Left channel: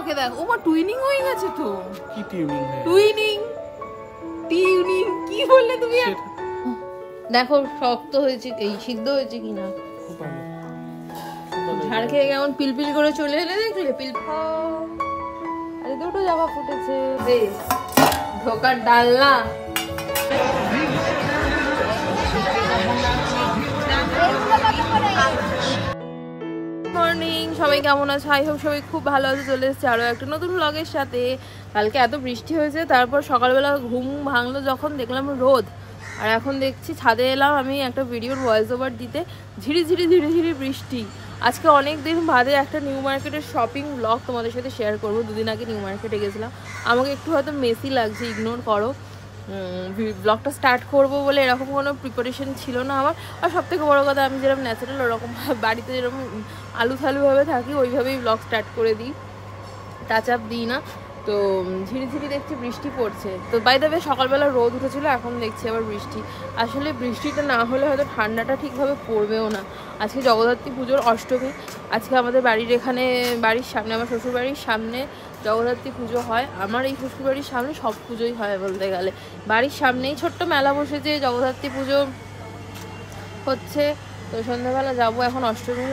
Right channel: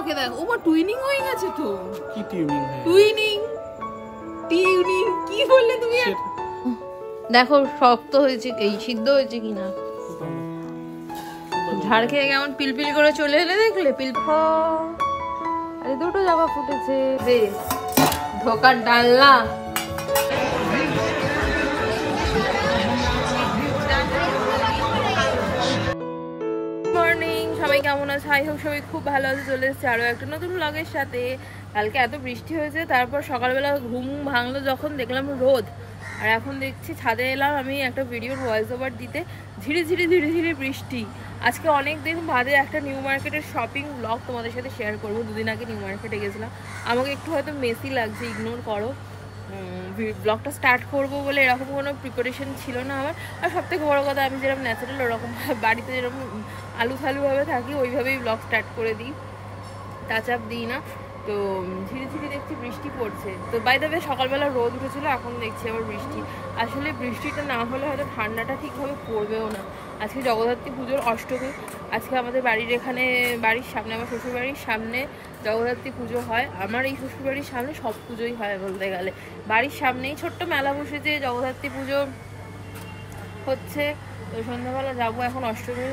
ওকে দেখ ওমা টুইনিং হয়ে গেছে তো। কি টুইনিং? টুইনিং টিউনিং কি বললে তুমি? দেখো শক্ত হয়েছে এই সিদ্ধ হয়েছে কিনা। খুব ভালো। ঝাড় খেয়ে কেমন পিলপিল করে চলে এলে দেখলে পিল। আরে দুটো জামা ফুটেছে দে ধোকার ডালনা। মর্নিং, সবাই কেমন আছে? আই হোপ সবাই খুব ভালো আছে। চলে এসেছে আরও একটা নতুন ব্লগের সাথে। কালকে এত বৃষ্টি হয়েছে, তারপর সকালবেলা ঘুম ভাঙলো যখন দেখলাম রোদ, আর এখন দেখছি ছাদে এলাম আমি একটা ভিডিওর ভয়েস ওভার দিতে। ধীরে ধীরে বৃষ্টি। আজকে অনেক দিন বাদে একটা নিউ মার্কেটের শপিং ব্লগ তোমাদের সাথে শেয়ার করবো। দুদিন আগে নিউ মার্কেটে গেছিলাম, আমাকে একটু হয়তো মেসি লাগছে, ইগনোর করো। ব্লগটা স্টার্ট করবো বলে এরকম কোনো প্রিপারেশন ছিল না আমার। আর সবথেকে বড়ো কথা, আমি যেরকম ন্যাচারাল ওরকম বাড়িতে যেরকম আলু থালুভাবে থাকি ওইভাবেই ব্লগ স্টার্ট করে দিই, টাচ আপ দিই না। তো ধীরে ধীরে দেখছি বৃষ্টি পড়ছে। তো বাই দ্য ওয়ে সকালবেলা রোদ উঠেছিল, এখন দেখছি আবার বৃষ্টি। আসলে বৃষ্টিটা না হলে হয়তো ঠান্ডাটা ঠিকভাবে পড়বেও না। আজকে জগদ্ধাত্রী পুজোর অষ্টমী। আজকে আমাদের বাড়ির এখানে বাড়ির সামনে, আমার শ্বশুরবাড়ির সামনে জগদ্ধাত্রী পুজো হয়। আমার এই শ্বশুরবাড়ির সামনে সব পুজোই হয় বলতে গেলে। বাড়ির সামনেই ছোট্ট মেলা বসেছে, জগদ্ধাত্রী পুজো হচ্ছে। তো সন্ধ্যাবেলা যাবো, এখন অষ্টমী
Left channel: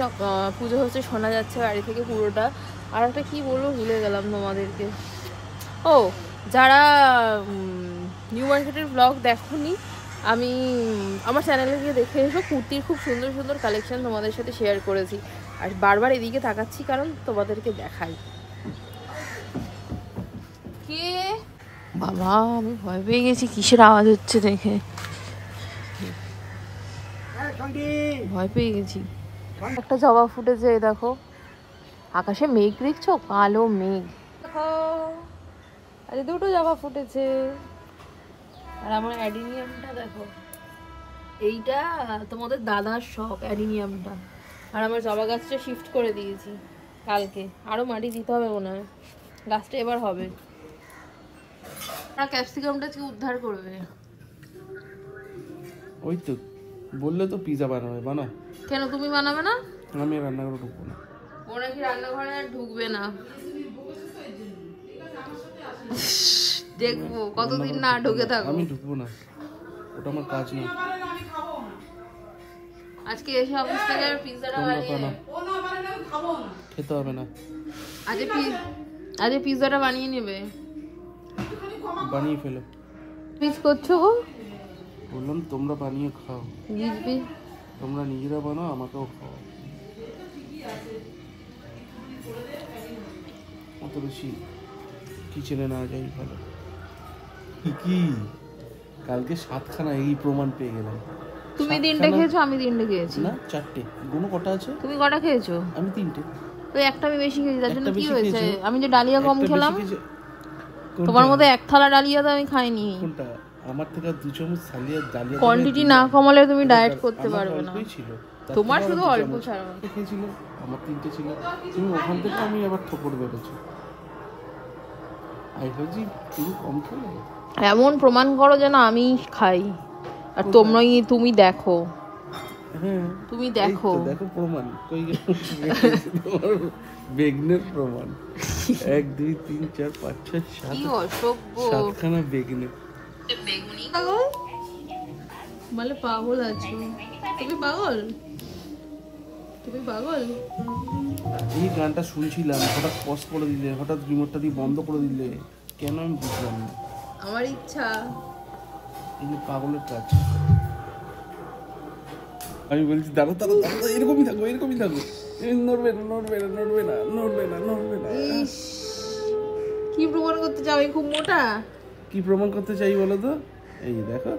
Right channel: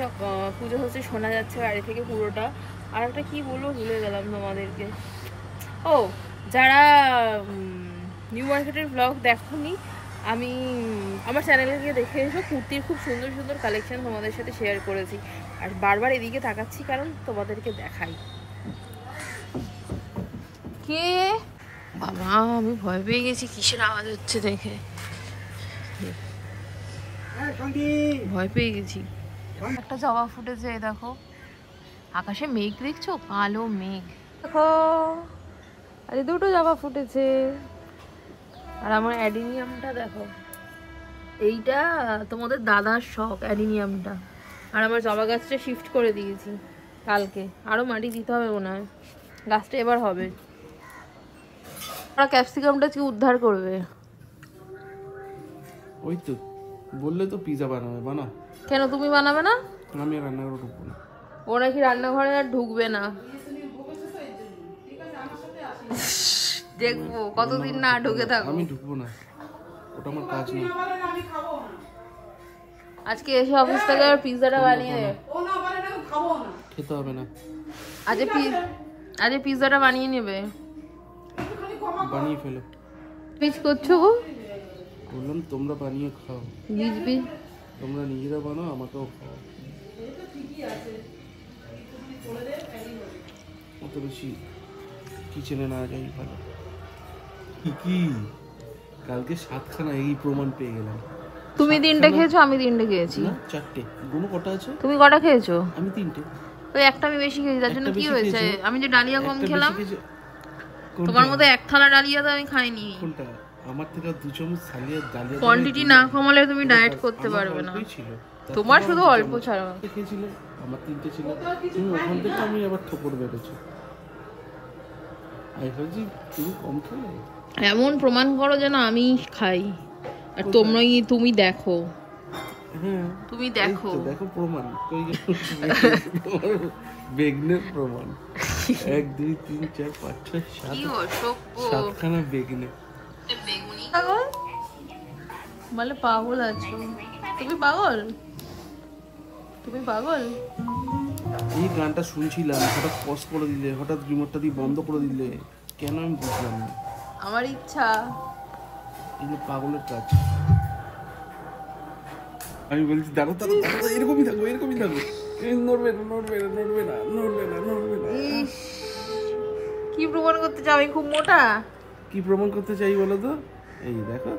পুজো হচ্ছে, শোনা যাচ্ছে বাড়ি থেকে পুরোটা। আর একটা কী বলবো ভুলে গেলাম তোমাদেরকে। ও, যারা নিউ মার্কেটের ব্লগ দেখোনি, আমি আমার চ্যানেলে গিয়ে দেখে এসো। কুর্তির খুব সুন্দর সুন্দর কালেকশন তোমাদের সাথে শেয়ার করেছি। আর বারবার এদিকে তাকাচ্ছি কারণ তোমাদেরকে দেখাই। কে বাবা, আমি ভয় পেয়ে গেছি, কিসের আওয়াজ হচ্ছে দেখে ভয় পেয়ে গেছি। একটা জবা ফুটেছে, এই দেখো। আকাশে মেঘ দেখছো? কালো মেঘ দেখো। আরে দুটো জবা ফুটেছে। আর আমার অ্যাডিনিয়ামটা দেখো, এইটা তোমাদের দাদার শখ অ্যাডিনিয়ামটা। আর আমার জবা গাছটা শিফট করে দিয়েছি কালকে, আরো মাটি দিতে হবে মনে হয়, গাছটা এবার হবে। ওরা ক্যাপসিকামটা কি উদ্ধার করবে? ওই তো বললে তো পিজা বানাবে, বানাও। কেন তুমি বানাবে না? আমি রান্নাঘরে ঢুকবো না। ও নাকি রান্নাঘরে আর ঢুকবে না, দেখবো কতদিন না ঢুকে থাকো। আমি ঢুকবো না, ওটা আমার কাজ না। আজকে এসে অফিস থেকে পিৎজাটা বানিয়ে খেতে হবে না। আজ পিৎজাটা বানিয়ে নেবে। বানিয়ে ফেলো। পিস করছো গো? বললাম তোমরা বানিয়ে খাও। বীজ তোমরা নিজেরা বানাও, আমাকেও খাও। অত বেশি কিচেনে না যাই ভালো। কি কালকে 7খানা এই প্রমাণ পেয়ে গেলাম। তুমি 3টে খেয়েছো, আমি 3টে খেয়েছি। না 4টে। গুনো কটা আছে? তুমি কটা খেয়েছো? আমি 3টে। ওই একটা আমি বেশি খেয়েছি, তার জন্য কি হয়েছে? আমি যে ডালিয়া কম খেলাম। তোমার মতো এক থালা ডালিয়া তো আমি খাইনি। কোনটা? আমার থেকে 2 চামচ ডালিয়া। কোয়ান্টিটি না কমালে তুমি ডায়েট করতে পারবে না। তোমার শুধু অল্প ছাড়া খেয়েছিল, আমার 3টে ছিল। তুমি ওখান থেকে আমি আবার ঠোকর বেরোছো। আই ভাবছি তুমি কম খেলে। এমন প্রমাণ করো যেন আমি খাই, আর তুমি দেখো। হ্যাঁ তুমি দেখো, দেখো প্রমাণ কই গেল? বেগনের প্রমাণ। 1 2 3 4 5 6 7 7খানা বেগনে। বেগুনি পাগল বলে, পাগল আছো তুমি? তুমি পাগল। এই গানটা শুনছিলাম, হঠাৎ পজ করে দিলে, হঠাৎ রিমোটটা দিয়ে বন্ধ করে দিলে কেন আমি বুঝলাম না। আমার ইচ্ছা। এগুলো পাগলের কাজ। আমি বলছি দাঁড়ো, এরকমই থাকো। নড়বে না। কি প্রমাণ করতে চাও? আমি খুব মোটা। কি প্রমাণ করতে চাই বলো তো? এই দেখো,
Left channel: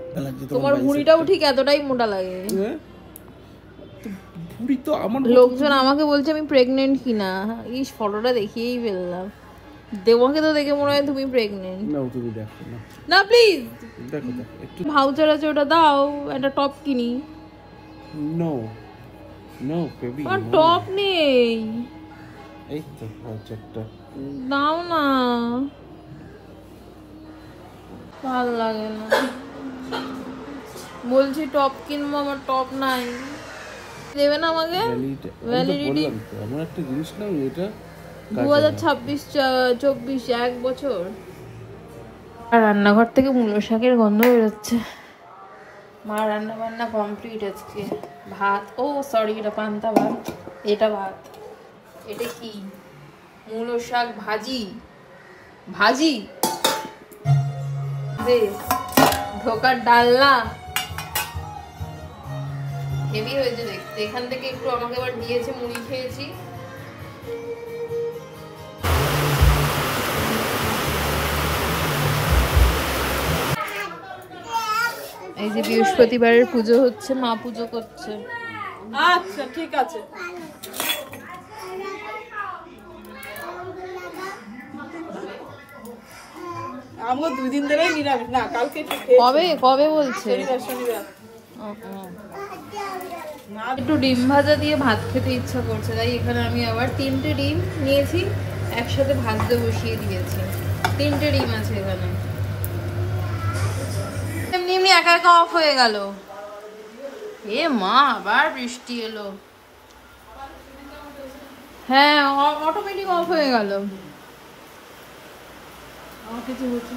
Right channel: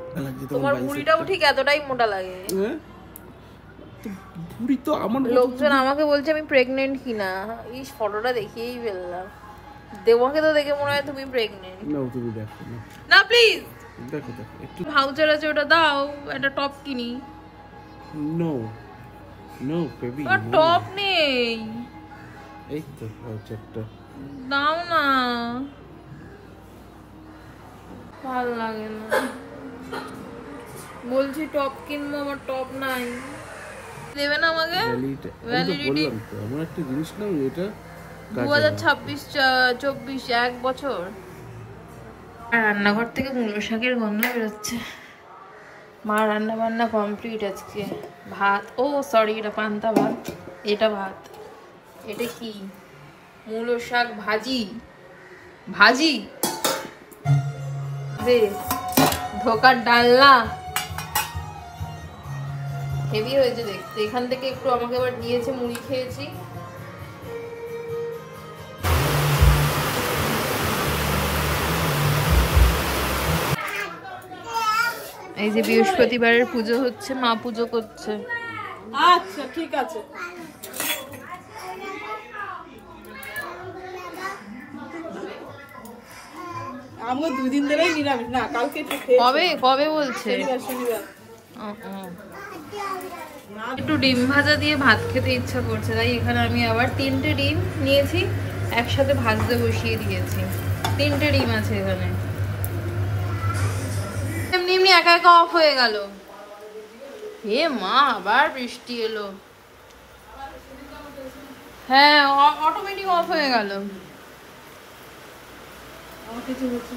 তোমার ভুঁড়িটাও ঠিক এতটাই মোটা লাগে। ভুঁড়ি তো আমার। লোকজন আমাকে বলছে আমি প্রেগনেন্ট কিনা। এই ফটোটা দেখিয়েই ফেললাম। দেবকে তো দেখে মনে হয় তুমি প্রেগনেন্ট। না তুমি দেখো না প্লিজ দেখো একটু। ভাউচার আছে, ওটা দাও, একটা টপ কিনি। নো বেবি, আর টপ নেই। এই তো ভাউচারটা দাও না, ভালো লাগে না। বলছি টপ কিনবো, আমার টপ নাই। দেবে না আমাকে? বললাম তো, আমার একটা জিনিস নাও, এটা 2026-24 1 বছর। আর রান্নাঘর থেকে মূলো শাকের গন্ধ বেরোচ্ছে। মা রান্না বান্না কমপ্লিট আজকে। ভাত, ও সরি এটা পান্তা ভাত, এটা ভাত। এটা কি? মূলো শাক ভাজি। ভাজি দে ধোকার ডালনা হেভি হয়েছে দেখতে। এখান থেকে একটু আমাকে আবার দিয়েছে, মুড়ি খেয়েছি। এই যে বৃহস্পতিবারের পুজো হচ্ছে, মা পুজো করছে। আচ্ছা ঠিক আছে। আমরা 2 দিন ধরেই নিরামিষ না, কালকে একটু খেয়েছি। কবে কবে বলছে? শনিবার। একটু ডিম ভাজা দিয়ে ভাত খেতে ইচ্ছা করছে, তাই এখানে আমি আবার 3টে ডিম নিয়েছি, একসাথে ভাজতে বসিয়ে দিয়েছি। 3টে ডিম আছে এখানে। এমনি এমনি একা একা অফ হয়ে গেল। হে মা, আবার বৃষ্টি এলো। হ্যাঁ, অটোমেটিক অফ হয়ে গেল। কিছু হচ্ছে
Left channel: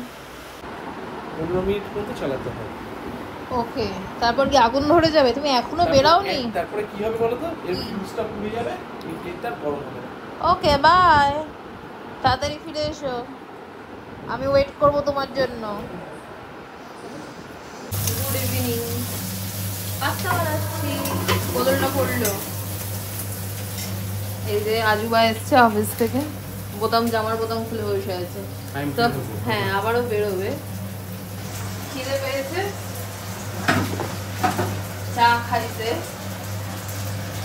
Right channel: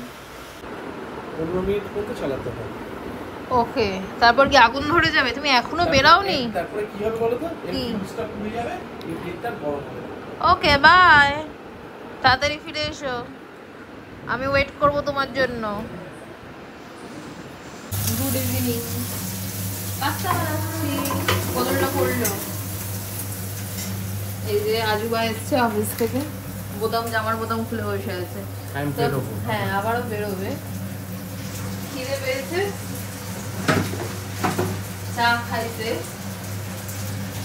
15 মিনিট পর্যন্ত চালাতে হয়। ওকে, তারপর কি আগুন ধরে যাবে? তুমি এখনো বেরাওনি? তারপরে কি হবে বলো তো? এই ফিউজটা পুড়ে যাবে, এই তেলটা গরম হবে। ওকে বাই, তাড়াতাড়ি ফিরে এসো, আমি ওয়েট করব তোমার জন্য। Good evening. পাস্তা বানাচ্ছি, বদলটা পড়লো। এই যে আজুবা এসছে অফিস থেকে, বোতাম, জামার বোতাম খুলে বসে আছে। হ্যাঁ, আবারও বেরোবে। খিদে পেয়েছে, চা খাইছে,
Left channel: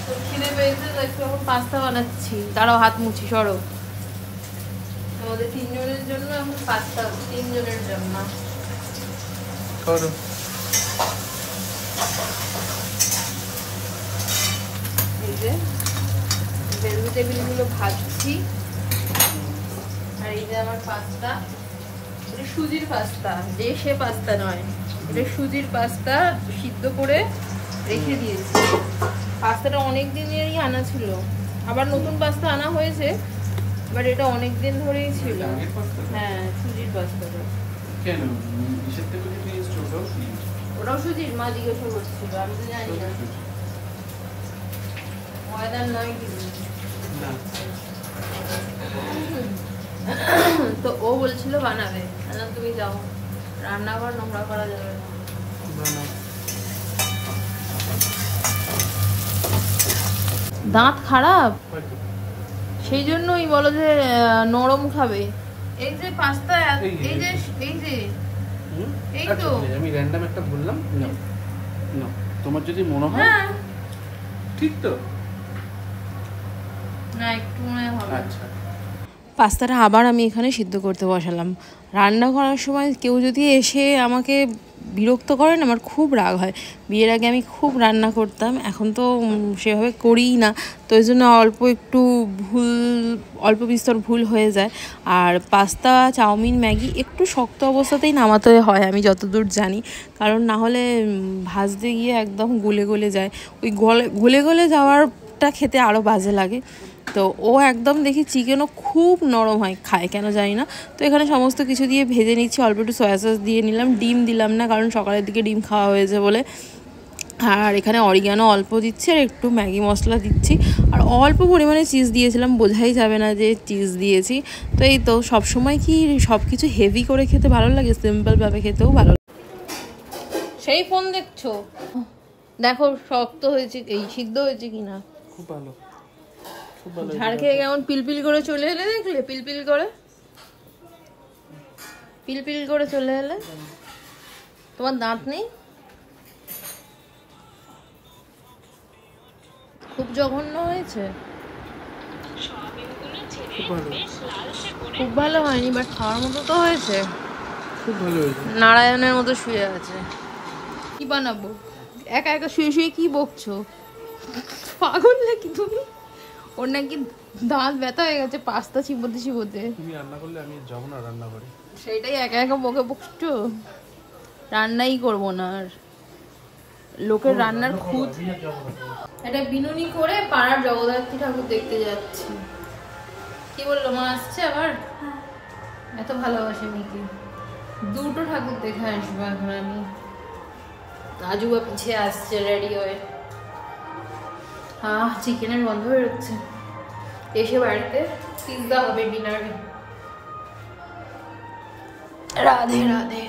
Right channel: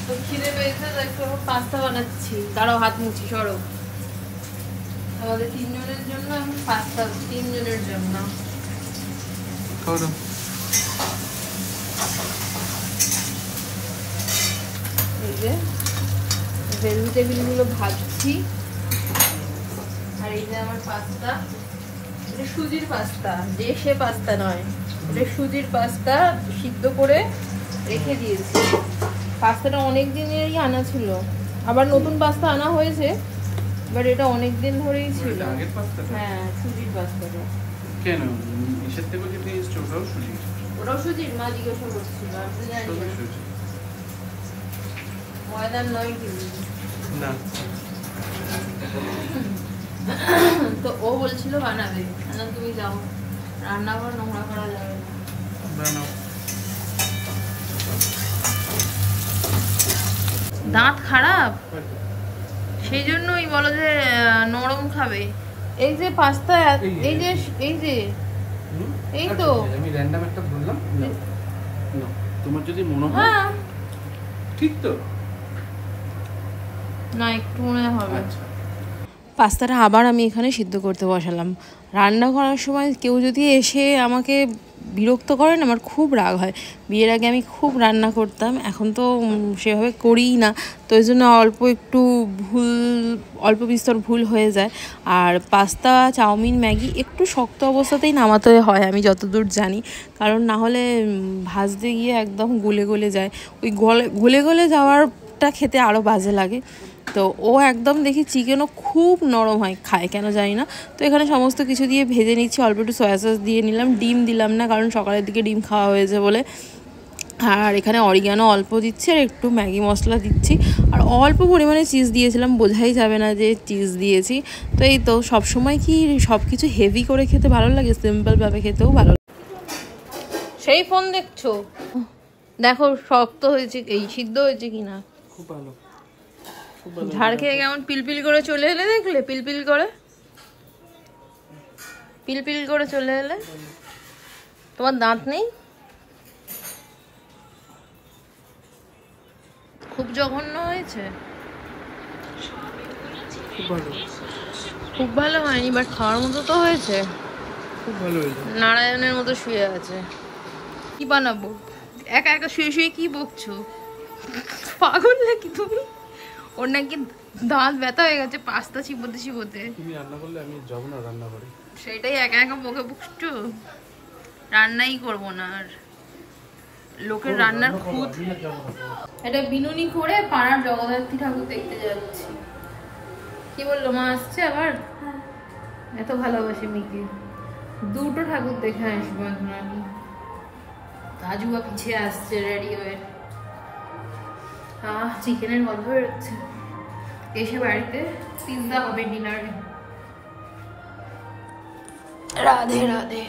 তো খিদে পেয়েছে, তো একটু এখন পাস্তা বানাচ্ছি। দাঁড়াও, হাত মুছি, সরো। আমাদের 3 জনের জন্য এখন পাস্তা, 3 জনের জন্য। এই যে ভেজিটেবিল গুলো ভাজছি, আর এই যে আমার পাস্তা। এটা সুজির পাস্তা, দেশে পাস্তা নয়, এটা সুজির পাস্তা। সিদ্ধ করে রেখে দিয়েছি। পাস্তাটা অনেক দিনেরই আনা ছিল, আবার নতুন পাস্তা আনা হয়েছে, বাট এটা অনেক দিন ধরেই ছিল। হ্যাঁ, সুজির পাস্তাটা। কেন ইসের থেকে যে টেস্ট ওটাও সুজি? ওটাও সুজির? মা জিজ্ঞাসা করছিল, আমি তো জানি না। ময়দার নয় কিন্তু না। তো ও বলছিল বানাবে, তুমি যাও, রান্নাঘর নোংরা করা যাবে না। দাঁত খারাপ, সেই জন্যই বলো যে নরম খাবে। এই যে পাস্তা, এই যে এই তো আমি র্যান্ডম একটা বললাম না, তোমার যদি মনে হয় ঠিক তো না, একটু মনে হবে। আচ্ছা, পাস্তাটা আবার আমি এখানে সিদ্ধ করতে বসালাম। রান্না করার সময় কেউ যদি এসে আমাকে বিরক্ত করেন, আমার খুব রাগ হয়। বিয়ের আগে আমি খুব রান্না করতাম, এখন তো সেভাবে করিই না, তো এই জন্য অল্প বিস্তর ভুল হয়ে যায়। আর পাস্তা, চাউমিন, ম্যাগি একটু শক্ত অবস্থাতেই নামাতে হয় আমি যতদূর জানি, কারণ না হলে ভাজতে গিয়ে একদম গলে গলে যায়। ওই গলে গলে যাওয়ারটা খেতে আরও বাজে লাগে। তো ও একদম দেখি চিকেনও খুব নরম হয়, খায় কেন জানি না। তো এখানে সমস্ত কিছু দিয়ে ভেজে নিচ্ছি, অল্প একটু সয়া সস দিয়ে নিলাম, ডিম দিলাম না কারণ সকালের দিকে ডিম খাওয়া হয়েছে বলে। আর এখানে অরিগানো অল্প দিচ্ছি, আর একটু ম্যাগি মশলা দিচ্ছি, আর অল্প পরিমাণে চিজ দিয়েছিলাম, বোঝাই যাবে না যে চিজ দিয়েছি। তো এই তো, সবসময় কি সব কিছু হেভি করে খেতে ভালো লাগে? সিম্পলভাবে খেতেও ভালো লাগে। সেই ফোন দেখছো? দেখো শক্ত হয়েছে, এই সিদ্ধ হয়েছে কিনা। খুব ভালো। ঝাড় খেয়ে কেমন পিলপিল করে চলে এলে, দেখলে? পিলপিল করে চলে এলে। তোমার দাঁত নেই? খুব জঘন্য হয়েছে। খুব ভালো হয়নি, বাট খাওয়ার মতো তো হয়েছে। খুব ভালো হয়েছে। নারায়ণের মতো শুয়ে আছে। কি বানাবো? একা একা শুয়ে শুয়ে কি বকছো? পাগল নাকি তুমি? ওর নাকি দাঁত ব্যথা হয়ে গেছে পাস্তা চিবোতে। তুমি রান্না করলে আমি যাবো না রান্না করে। সেটাই একা একা বকছো। রান্নাই করবো না আর। লোকের রান্নার খুঁত। এটা বিনুনি করে পাড়ার জগদ্ধাত্রী ঠাকুর দেখতে যাচ্ছি। কি বললো মা আসছে আবার? এত ভালোবাসে মিকে। দুটো ঠাকুর দেখে আসবো এখন আমি। আজুবা পিছিয়ে আসছে রেডি হয়ে। চিকেনের গন্ধ বেরোচ্ছে। এসে বাড়িতে পিৎজা হবে ডিনারে। রাধে রাধে।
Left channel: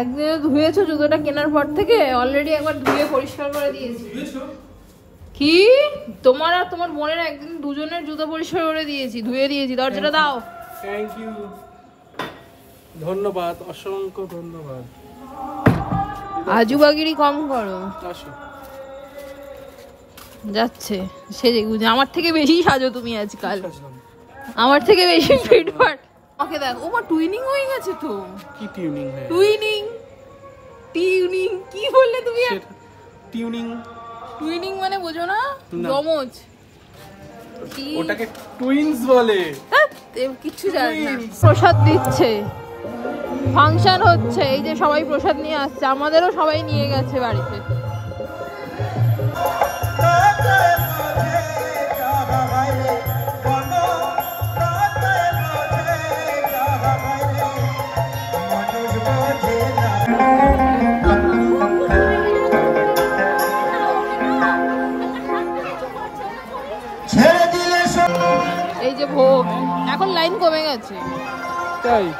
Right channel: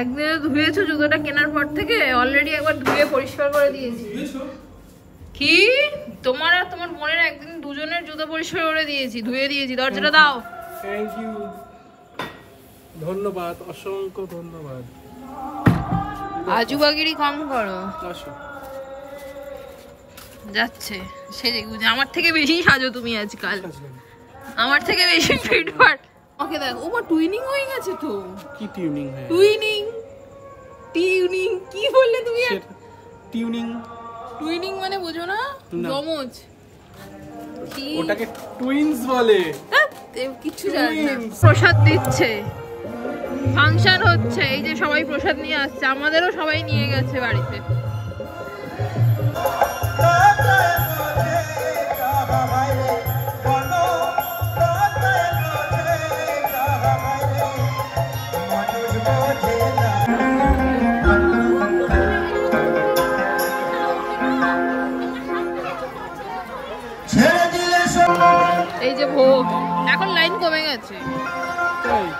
একদিনে ধুয়েছো জুতোটা কেনার পর থেকে? অলরেডি একবার ধুয়ে পরিষ্কার করে দিয়েছি। কি তোমার আর তোমার বোনের একদিন দুজনের জুতো পরিষ্কার করে দিয়েছি, ধুয়ে দিয়েছি। দরজাটা দাও। থ্যাংক ইউ, ধন্যবাদ, অসংখ্য ধন্যবাদ। আজুবাগিরি কম করো। আসো। যাচ্ছে সে আমার থেকে বেশি সাজো তুমি আজকাল, আমার থেকে বেশি ফিটফাট। ওকে দেখ, ও মা টুইনিং হয়ে গেছে তো। কি টিউনিং হয়? টুইনিং টিউনিং কি বললে তুমি? টিউনিং টুইনিং মানে বোঝো না? জমজ। কি ওটাকে টুইনস বলে। কিছু জানি না। প্রসাদ দিচ্ছে, ফাংশন হচ্ছে, এই যে সবাই প্রসাদ নিয়ে আসছে, আমাদেরও সবাই নিয়ে গেছে বাড়িতে। এই যে ভোগ, এখন লাইন কমে গেছে।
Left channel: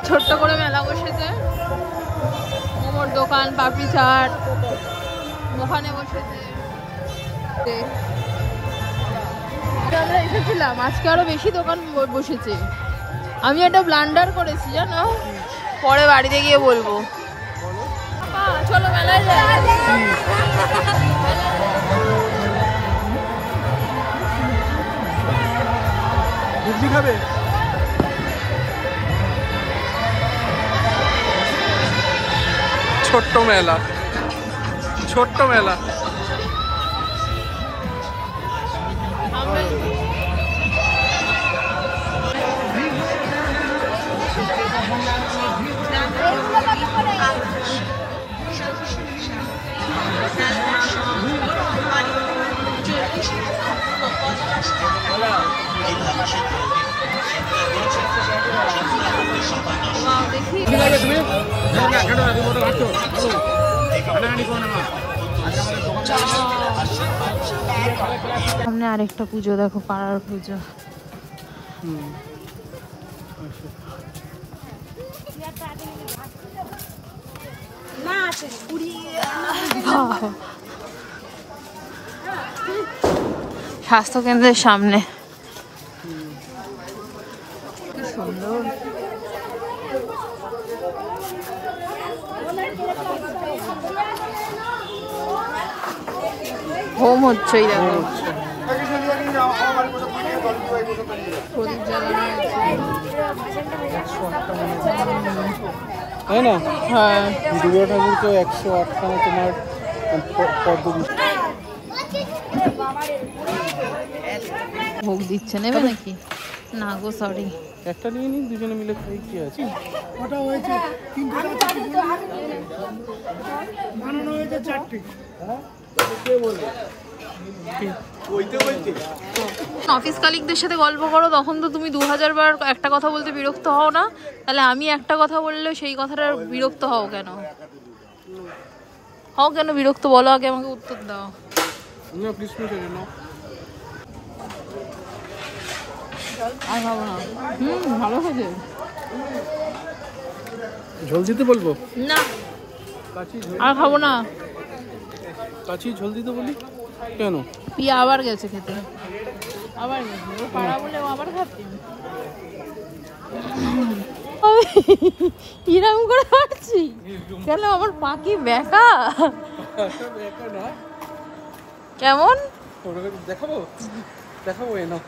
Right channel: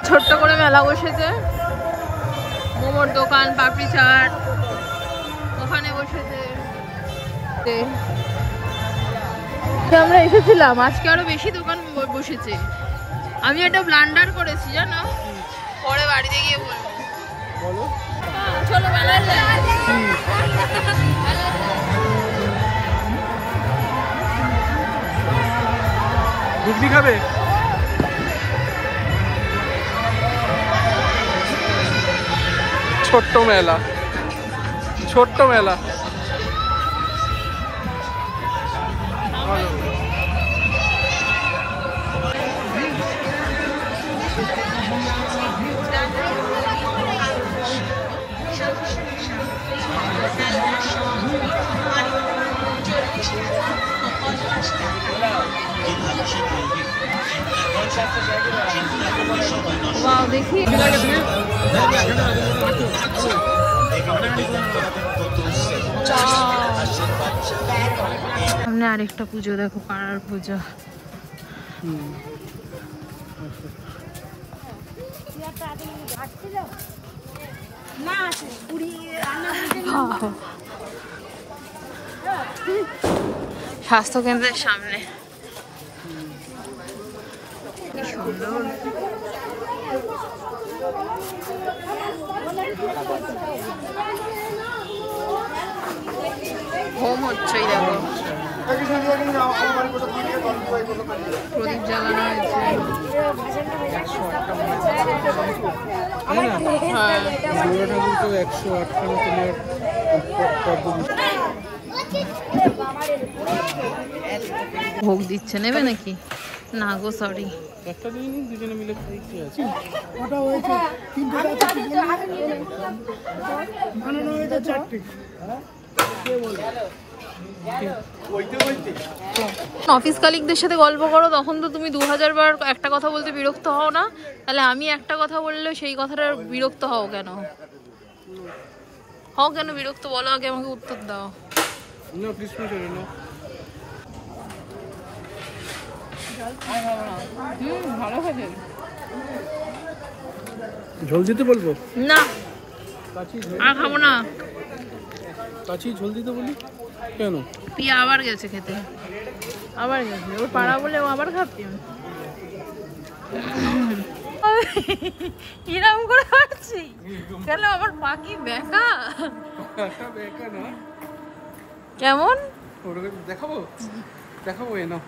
ছোট্ট করে মেলা বসেছে, মোমোর দোকান, পাপড়ি চাট ওখানে বসেছে। আমরা এসেছিলাম, আজকে আরো বেশি দোকান বসেছে। আমি একটা ব্লান্ডার করেছি জানো, পরে বাড়িতে গিয়ে বলবো। চলো মেলায় যাই। ঘুগনি খাবে? ছোট্ট মেলা, ছোট্ট মেলা। সামনে আরেকটা পুজো দেখো, পাড়ার পুজো। স্বাস্থ্য কেন্দ্রের সামনে কি সুন্দর। হোম হচ্ছে দেখো, প্রদীপ জ্বালানো তাই না? হ্যাঁ, দুর্গা ঠাকুর তো 108খানা তোমার পদ্ম। ভোগ দিচ্ছে, নেবে নাকি? না গো সরি, একটা নিয়ে নিন, দুজনে মিলে খাই। কি আছে ওটা হয়েছে তিনটেটা আছে, কি বললি? বানানো হয়েছে চারটে। অফিস কালিকদের সাথে গল্প করো, তখন তো তুমি 2000 বার একটা কথা বলতে বিরক্ত হও না? তাহলে আমি একটা কথা বললে সেই কথাটা বিরক্ত হও কেন? হও কেন বিরক্ত? বলো আগে, আমাকে উত্তর দাও। না প্লিজ না। ভালো হয়েছে। ঝোল দিতে বলবো? না আর খাবো না। কাচি ঝোল দিতে বলি কেন? পিয়া আবার গেছে খেতে, আবার গেছে। ও পাড়া বলে ও আবার খাচ্ছি। কিরম করে পারছি কেন? আমার পাখি বেকা। বেকা না, কেমন দেখাবো দেখাবো এ না।